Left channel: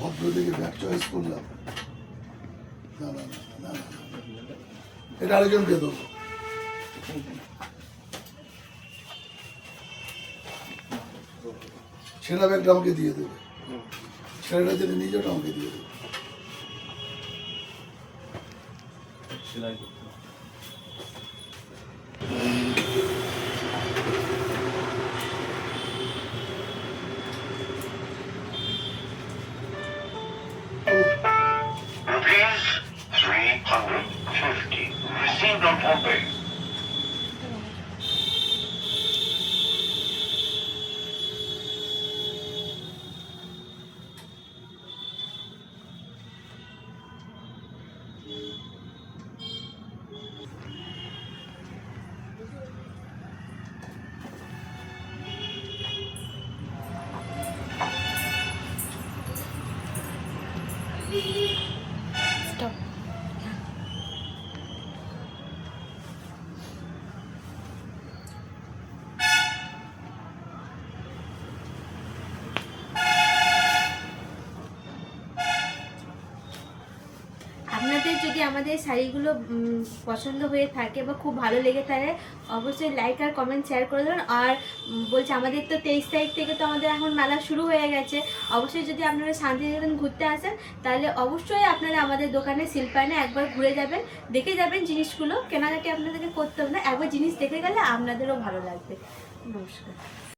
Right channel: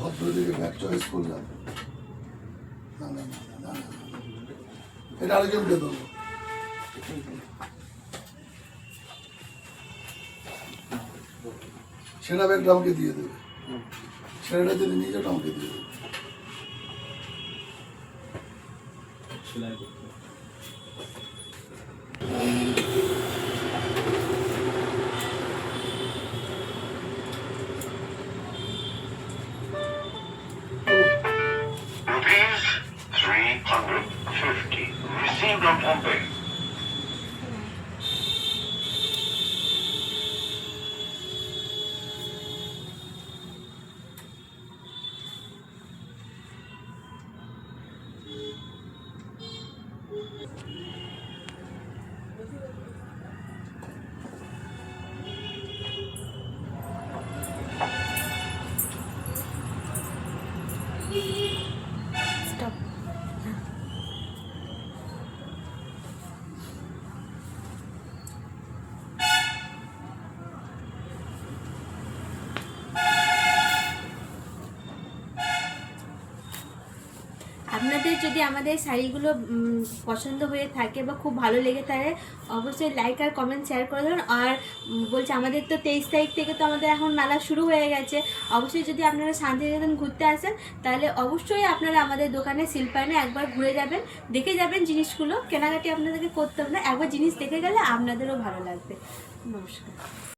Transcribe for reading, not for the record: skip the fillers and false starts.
ভদ্র দিকে bag choice করলাম। না না না না না, এটা আরেকজনকে দেবো। সেরা ব্যাগটা আমাকে দিয়ে দেবে, সেরাটা যদি নিয়ে যাও আমাকে দিয়ে দেবে। ₹350 received on Bombay. Stop. আপনাদের যদি আমাদের শাড়িগুলো পছন্দ হয়ে থাকে বা খুব ভালো লেগে থাকে অবশ্যই লাইক আর কমেন্ট শেয়ার করে দেবেন। আর বলছে আমাদের তো 23 তারিখ থেকে তো আমাদের এখন মেলা শুরু হয়ে গেছে। অবশ্যই যদি আপনারা শান্তিনিকেতন ঘুরতে আসেন তাহলে অবশ্যই আপনারা আমাদের দোকানে শিল্পায়নে একবার ঘুরে যাবেন, দেখে যাবেন জিনিসগুলো। কেনাকাটি আপনাদেরকে করতে হবে না, একবার জিনিস দেখে গেলে আপনাদেরও ভালো লাগবে। নমস্কার।